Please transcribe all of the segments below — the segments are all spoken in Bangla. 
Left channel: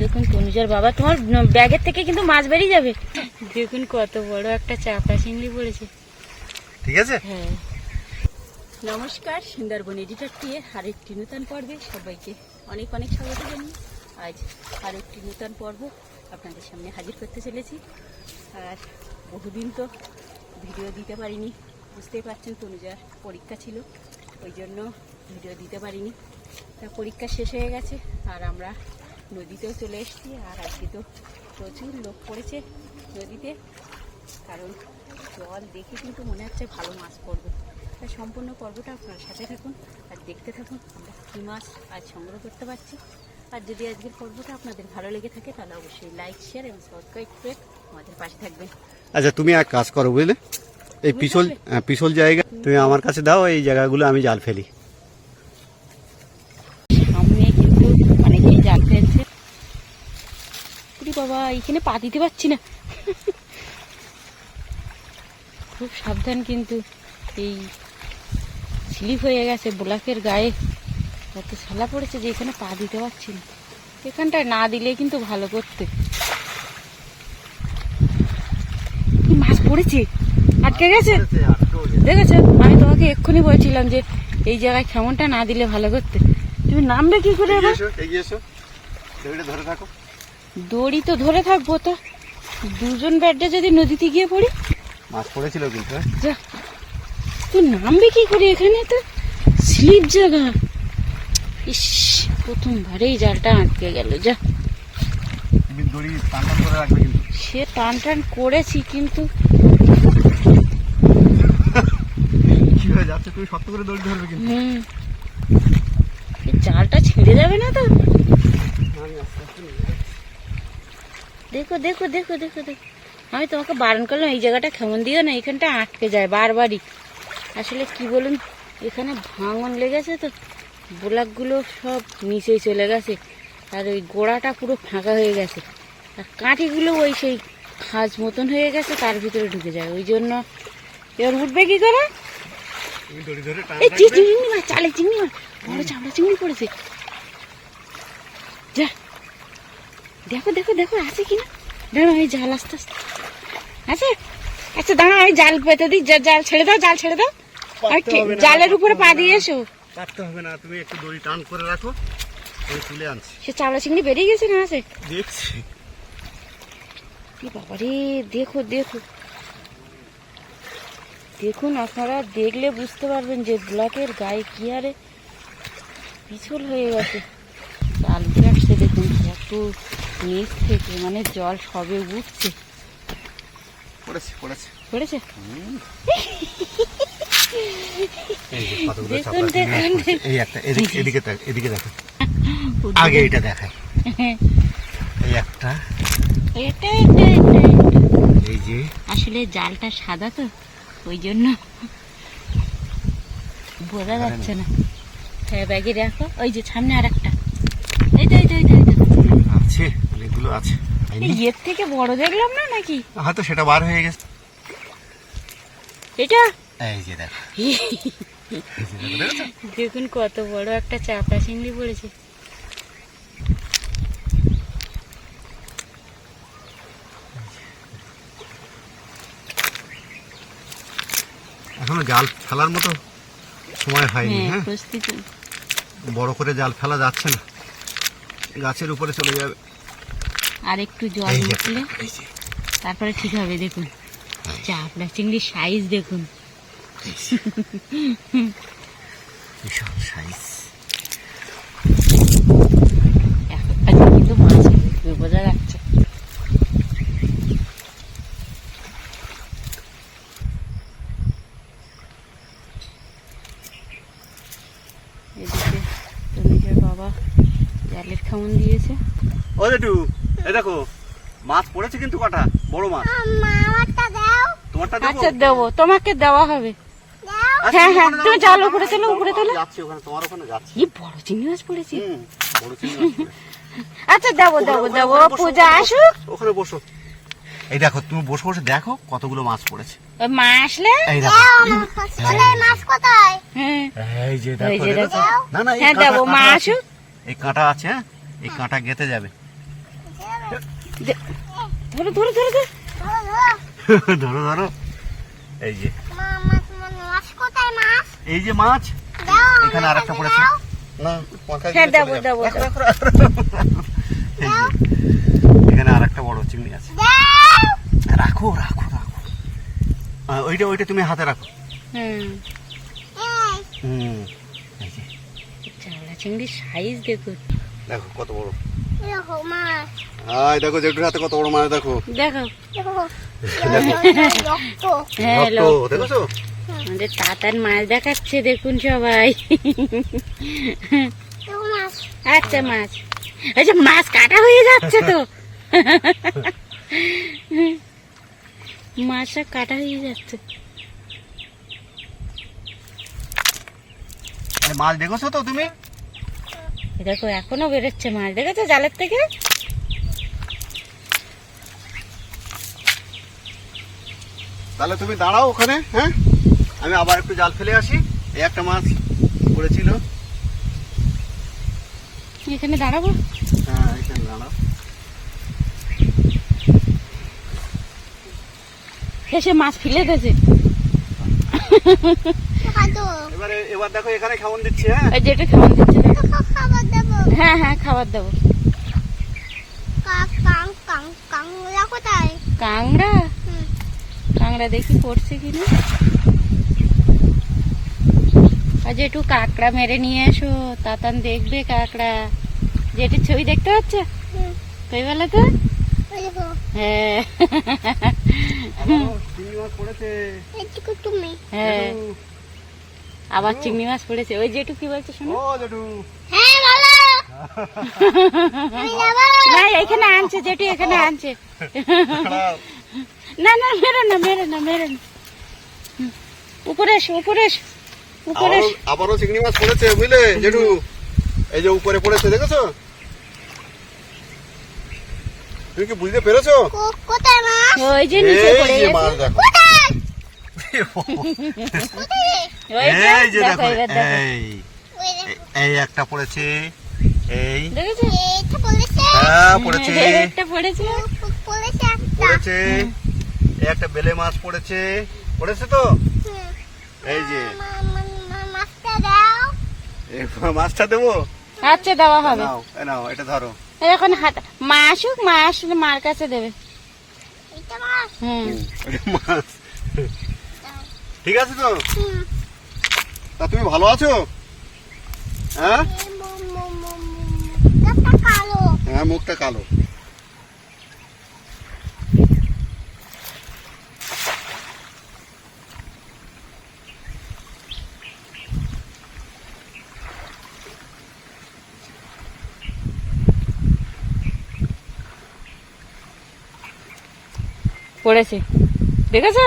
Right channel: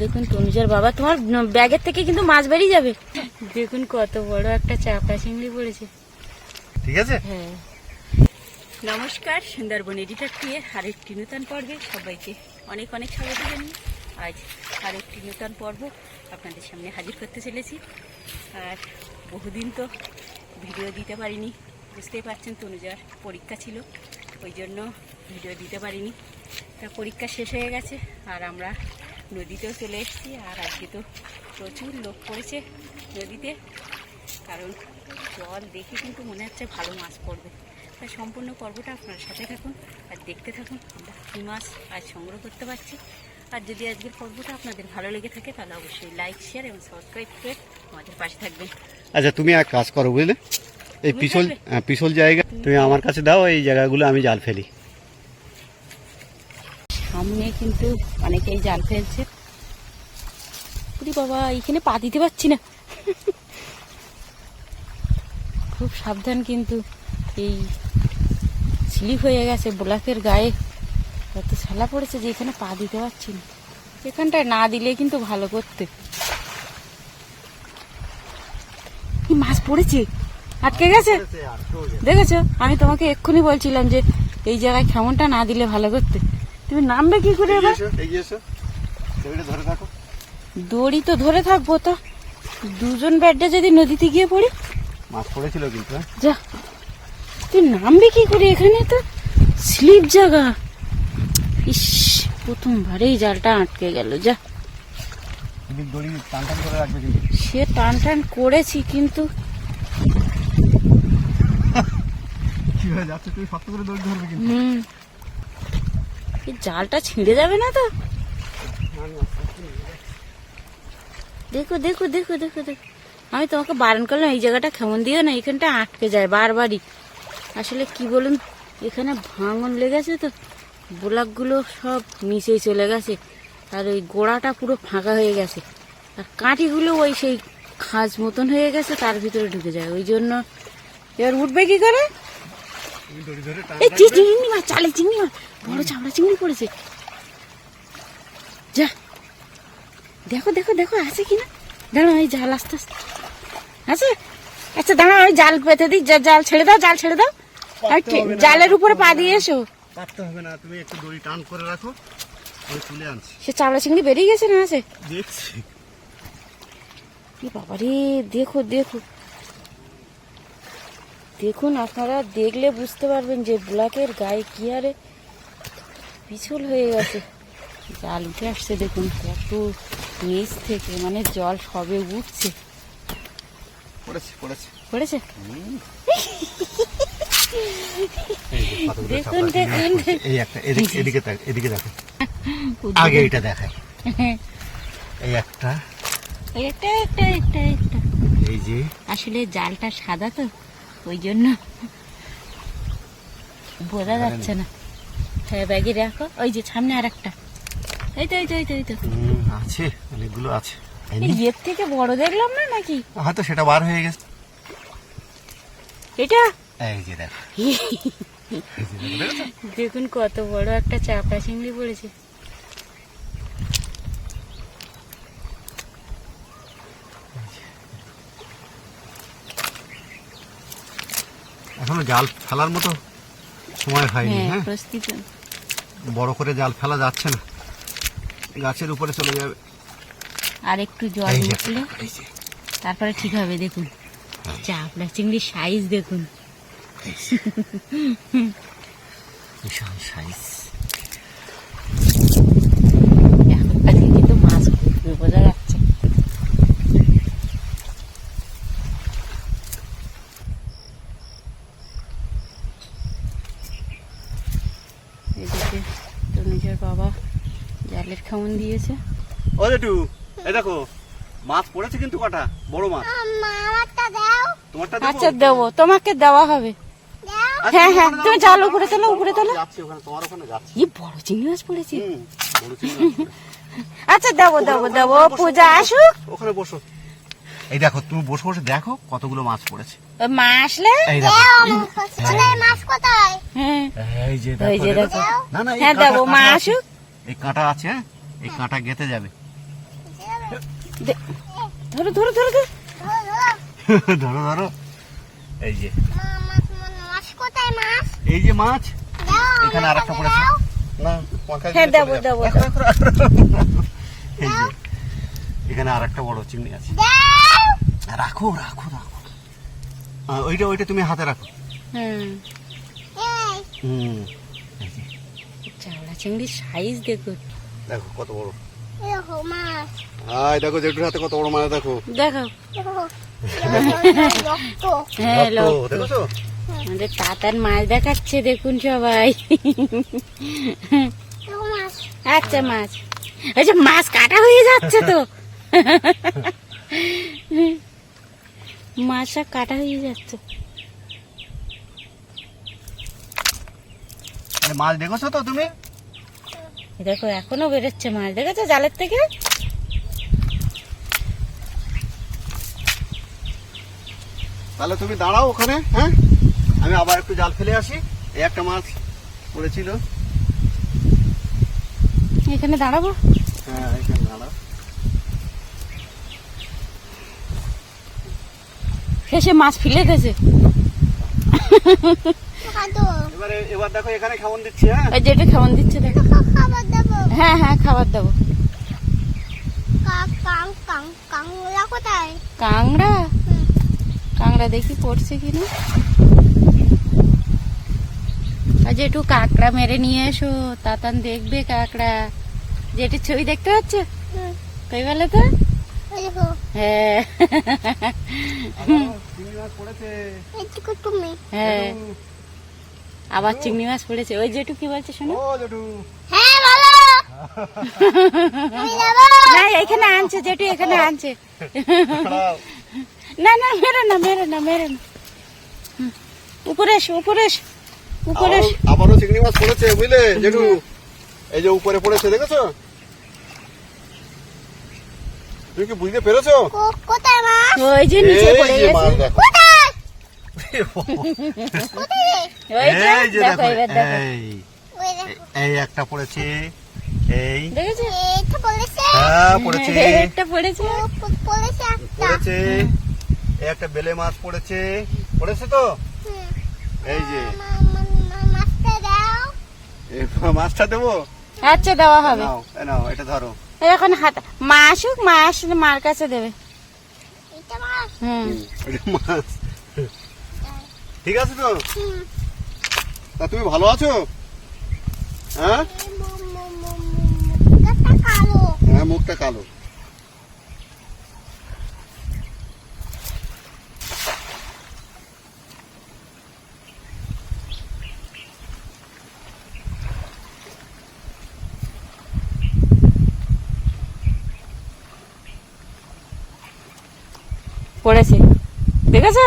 দেখুন তনুজার বাবা, তোমার ব্যাগের থেকে কিন্তু মাছ বেরিয়ে যাবে। দেখুন কত বড় একটা চাপড়া চিংড়ি পড়েছে। ঠিক আছে। হ্যাঁ, নমস্কার, সুন্দরবন এডিটর টিয়ে আরেকটি নতুন পর্বে সবাইকে অনেক অনেক স্বাগত জানিয়ে আজ আরেকটি নতুন পর্ব আপনাদের সামনে হাজির করতে চলেছি। আর বহুদিন তো ভিডিও দিতে পারিনি, বুঝতেই পারছেন তনুজার পরীক্ষা ছিল, ওই জন্য ভিডিও দিতে পারিনি। তা পরীক্ষা শেষ হয়ে গেছে আর আমরা নদীতেও চলে এসেছি। আর আজকে তো প্রচুর লোক পড়েছে নদীতে, কারণ জল দেখে কিন্তু মনে হচ্ছে ভালো মাছ পড়বে। তাই সম্পূর্ণ পর্বটা আপনার সাথে থাকুন আর দেখতে থাকুন আমরা কী মাছ আজ সংগ্রহ করতে পারছি। আর যদি আজকের পর্বটা আপনাদের ভালো লেগে থাকে তাহলে অবশ্যই লাইক, শেয়ার এবং সাবস্ক্রাইব করে আমাদের পাশে থাকবেন। আচ্ছা, তুমি এক কাজ করো বুঝলে, এই পিছল জায়গা তুমি আমার কাছে দাও, এই জায়গাগুলো আমি জাল ফেলি। সামনে কিন্তু অনেকেই জাল ফেলছে। বাবা, এখানে পা দিতে পারছি না, খুব সাবধান, কিন্তু এই স্লিপ হয়ে গেছে ব্লকের গায়ে, এত ছালা পড়েছে যে এখানে পা দিতে পারছি না। এখানটায় না দিলে কিন্তু ভালো করতে। কি মাছ পড়েছে, আটকে গেছে, দেখেছো? আমি তোমাকে এক্ষুনি বলছিলাম যে এই জায়গায় কেমনটা না দিলে ভালো করতে। তুমি নামবে কি করে এবার? ধরে থাকো, দড়ি তো ধরে থাকবো, তো দুজন ব্যাডে যদি নদীতে গিয়ে পড়ি। মাছ পড়েছিল কিন্তু। যা, তুই নামবে কি করে? এখানে তো স্লিপ জায়গা। ইস, প্রথমবারেই জালটা আটকে গেল। যা, দড়ি টান টান করে রাখবে কিন্তু। সে টান টান করেছি, কিন্তু কি হয়ে যাচ্ছে, তুমি শক্ত করে দড়ি ধরবে কিন্তু। জালটা ছিঁড়ে যাবে না তো? দেখো দেখো দেখো দেখো দেখো, আমি তোমাকে বারণ করলাম এই জায়গাটা কেমন দিও না, এখানটা আটকে যায় বারবারই। আসলে কি বলুন, এখানে ভাঙন লেগেছে তো, ব্লকগুলো সব নিচেই চলে গেছে, আর ওই গোড়াটা পুরো ফাঁকা হয়ে গেছে, আর কাঠিগুলো ওই সেই খাঁজ মতন হয়ে গেছে, তার ভিতরে ঢুকে যায়। ওই জন্য এবার উঠবে কি করে? এই চিংড়ি মাছ, চালে চিংড়ি মাছ, বড় চামড়া চিংড়ি পড়েছে। যা, দেখো দেখো দেখো আছে কিনা। দাঁড়া, এই জাল আস্তে আস্তে আছে। আচ্ছা দাঁড়া, আমি জাল পেতে দিই। জাল ছেড়ে দাও, জাল ছেড়ে দাও। জালের উপরে পা দিয়ে এসো। পারতে হবে না, তুমি একটু দড়ি টান করে রাখো, আমি তুলে আনছি। সে চামড়া চিংড়ি বেরিয়ে গেছে না আছে? দেখছি। বাবা রে, দেখো দেখো দেখুন, আপনারা দেখলে বুঝতে পারবেন যে ব্লকের গায়ে কি হারে পিছল হয়ে গেছে। জাল উঠে আসছে, দেখুন কত নিচ থেকে, মানে জল সবে উঠছে। পড়েছে পড়েছে পড়েছে। দেখুন দেখুন, এই একটা এদিকে এদিকে দেখো, আগে এটা দেখায়। এই একটা, এটা এটা এটা এই যে, আসলে জালটা সাদা তো ওই জন্য বোঝা যাচ্ছে না। হ্যাঁ, ব্যাগে রাখো। ওই যে সামনে আর একটা, এই তো এই তো এই তো এই তো আছে, অনেকগুলো আছে। এর থেকে বড় দেখলাম না নাকি? হয়তো সেটা বার হয়ে গেছে। এটা এই যে দেখো, দেখুন কত বড় একটা চাপড়া চিংড়ি পড়েছে। এখনো জাল ফেলার মতো সময় হয়নি। হ্যাঁ, প্রস্তুত। বড় করে জাল ফেলা যাচ্ছে না, গাছের উপরে চলে যাবে। আর একটু জল উঠলে তারপরে ঠিক হবে। দেখুন চাপড়া চিংড়ির সাইজ দেখুন, বিশাল সাইজ। কিন্তু মাছ বোঝা যাচ্ছে। এদিকে তো নিজের বাবা জালের খামন দিয়েছে। ও রেটু, এই দেখো মাছ পড়েছে কিন্তু, কটা বড় মাছ। তোমারটা আচ্ছা দেবো, তোমাকে দেওয়া হবে। হ্যাঁ হ্যাঁ, তুমি জাল উপরে তোলো, উপরে তোলো। যাচ্ছি ওখানে, তোমার ওখানে যাচ্ছি। কি বড় চিংড়ি মাছ পড়েছে। বড় চিংড়ি মাছ পড়েছে। আচ্ছা দেবো দেবো দেবো, পূজা আসুক। ওখানে বসো। এই দেখো, তুমি বসে বসে দেখো কতগুলো মাছ পড়েছে। মা আসলে এই দেখো মাছ কোথায়? এই যে দেখো, দেখো। না না, হ্যাঁ দেবো, মা আসুক। এই কাঁটা আছে। হ্যাঁ, এই কাঁটা গেঁথে যাবে। ধরো ধরো ধরো ধরো ধরো ধরো, এই যে এই যে মাছ, এখানে আরেকটা পড়েছে। না মাথা হ্যাঁ দেবো দেবো। এই যে এখানে আরেকটা বড় চিংড়ি আছে। রাখো রাখো রাখো, ওইটা ওইটা তুমি হাতে রাখো। হুম, এই যে চাওলা চিংড়ির সাইজ দেখুন, দেখো কত বড়। হাই দেখো জেঠুর হাতে কত বড় মাছ, দেখো দেখো। হ্যাঁ রক্ত, দেখেছো? আমাদের তাতার মাছ দেখাচ্ছে দেখুন সবাই। আচ্ছা মাছ, আচ্ছা মাছ কাটা হয়ে যাচ্ছে তো। মাছটা কাটা হয়ে যাচ্ছে। মাছ দেখেছো তো তুমি? দেখো এখনো বেরোচ্ছে মাছ, দেখেছো জালের থেকে? তাহলে তুমি দাঁড়াও ওখানে, হ্যাঁ আমি আবার একটু জাল ফেলে আসি। এই একটা মাছ পড়েছিল। এখানে দাঁড়াবো? হ্যাঁ এখানে দাঁড়াও। সে মাছ ফেলে গেছে। এবার দেখো এখানে খাওয়ান দিচ্ছে। হ্যাঁ ওই যেটা খাওয়ান দিচ্ছে, হ্যাঁ হ্যাঁ খাবার দেবো। কাংড়া, কাংড়া দেখি পড়ছে কিনা। আজ একটু কাঁকড়া মেরে নিয়ে এসো, তাতান দেখবে কাঁকড়া। যেটির ছবি দেখতে পাচ্ছ কই বলে তো? হ্যাঁ চিংড়ি মাছ পড়েছে। হ্যাঁ আবার চিংড়ি মাছ পড়েছে। ওই জেঠু কি বলছে শোনো? ও জেঠু, না এখানে আনছে জেঠু, এখানে আনছে। না না মেরো না মেরো না মেরো না, উপরে এসো উপরে এসো উপরে এসো। আবারও চিংড়ি মাছ পড়েছে বুঝলে জেঠু, এই যে উপরে পড়েছে দেখেছো? তুমি কি বুঝতে পেরেছো? ওই যে নিচে পড়ে এই যে মাছ গেছে। দেখো, ওই যে এই যে দেখো দেখো, এবার দেখো, এই একটা পড়েছে, এই দেখেছো? হ্যাঁ পড়েছে, একটা পড়েছে পড়েছে। এই একটা বেলে মাছ পড়েছে, পড়েছে তো। এই যে এই মাছটা দেবো। আচ্ছা দেওয়া হবে। নাও এই নাও, এটা ধরো। এখন হাত মা আসুক, মা আসলে মার কাছে দেবে। হুম ওটা মাছ, ঠিক আছে তো? তা তুমি ভালো আছো? হ্যাঁ হ্যাঁ মুখটা কালো। পড়েছে দেখেছো?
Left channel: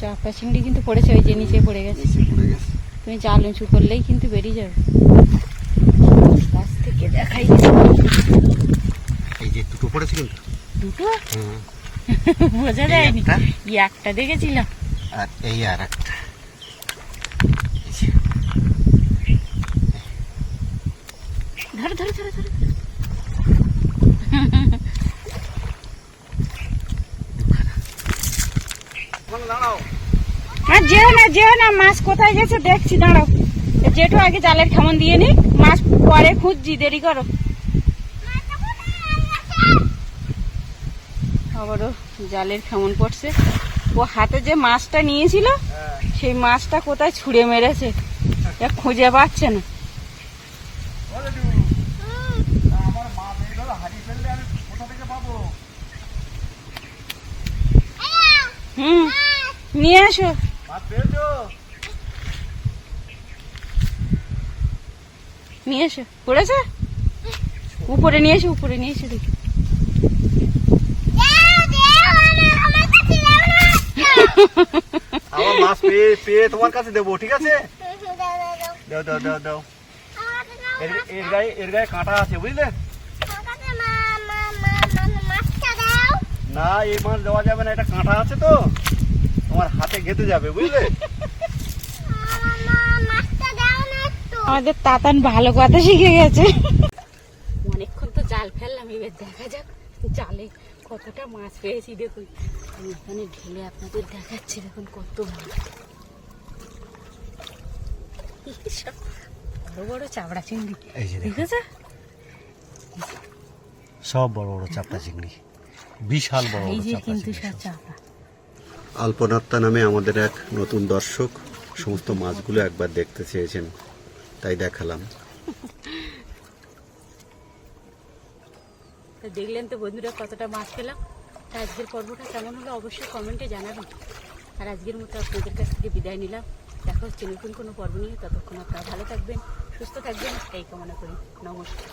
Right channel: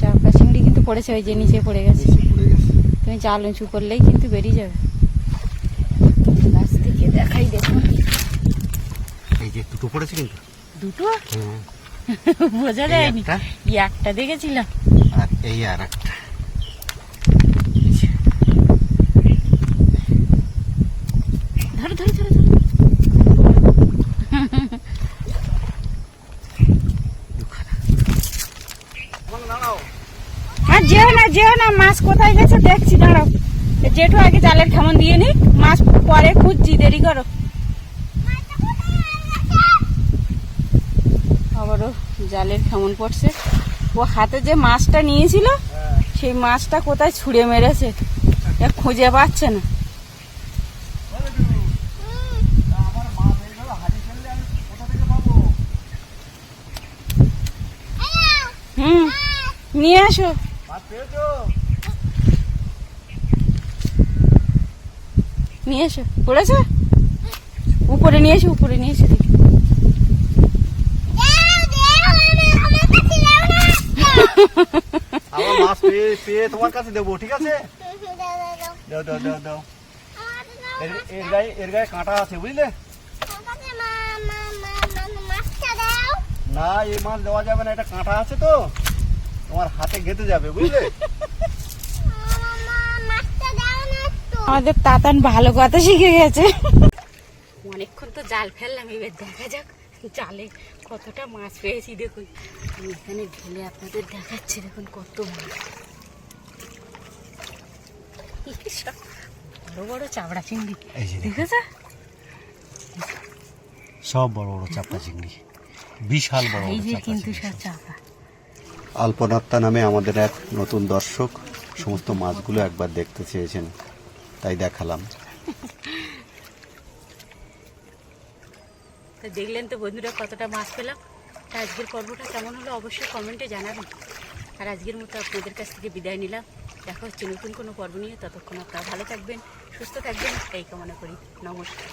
চাপা চিংড়ি কিন্তু পড়েছে, ওই যে নিচে পড়ে গেছে। পড়ে গেছে। তুমি জাল উঁচু করলেই কিন্তু বেরিয়ে যাবে। গাছ থেকে দেখাই এই যে দুটো পড়েছে কিন্তু। দুটো হ্যাঁ, বোঝা যায়নি, একটা। এই একটা দেখেছিলাম। আর এই আর একটা। ধরো ধরো ধরো ধরো। ওখানে দাঁড়াও। আর যেও না যেও না, মাছ কোথায় গেছে দেখছি, দাঁড়াও। যেটু আগে জালের খামন দিয়ে নি, মাছ পরে খুঁজছি, দেরি করো। আবারও জালের খামন পড়ছে। ও হাতে যে মাছটা নিয়েছিল সেই মাছটা কোথায় ছুঁড়ে মেরেছে, এ খুঁজে পাচ্ছে না। হুম নিয়ে আসো। মাছ পেয়েছো? নিয়ে এসো, পড়েছে উপরে, নিয়ে এসো উপরে নিয়ে এসো। আমার মাছ পেয়ে পেয়ে তোমার কাছে দেবো, ঠিক আছে? দাও দাও দাও দাও। এর গায়ে কাঁটা আছে বুঝলে? না এই মাছ দেওয়া যাবে না, এটা কাঁটা আছে তো, তোমার হাতে গেঁথে যাবে বুঝলে? আমাদের তাতান ভালো কথা শিখে গেছে। জাল ফেললাম, এবার দেখা যাক জালে কতটা মাছ পেয়েছি। দেখুন আমি এখানে ঢেলে আপনাদের দেখাচ্ছি, দেখুন কত মাছ, সব বড় বড় চাবড়া চিংড়ি। এই যে ঠিক আছে, সব বড় বড় চাপড়া চিংড়ি, বিশাল বড় এই বড় যে চাপড়া কিন্তু চিংড়ি সব সব। চাবড়া। আলপনাত্তা নামে আমাদের এক নতুন দর্শক সমস্ত মাছগুলো একবার দেখতে চেয়েছেন, তাই দেখালাম। তো দেখলেন তো বন্ধুরা কতটা মাছ পেলাম। তা আজকের পর্বটা কেমন হলো অবশ্যই কমেন্টে জানাবেন। আর আজকের মতো আপনাদের কাছ থেকে বিদায় নিলাম। দেখা হচ্ছে নতুন কোনো পর্ব নিয়ে। ততক্ষণ আপনারা ভালো থাকবেন, সুস্থ থাকবেন, এই কামনা করি। নমস্কার।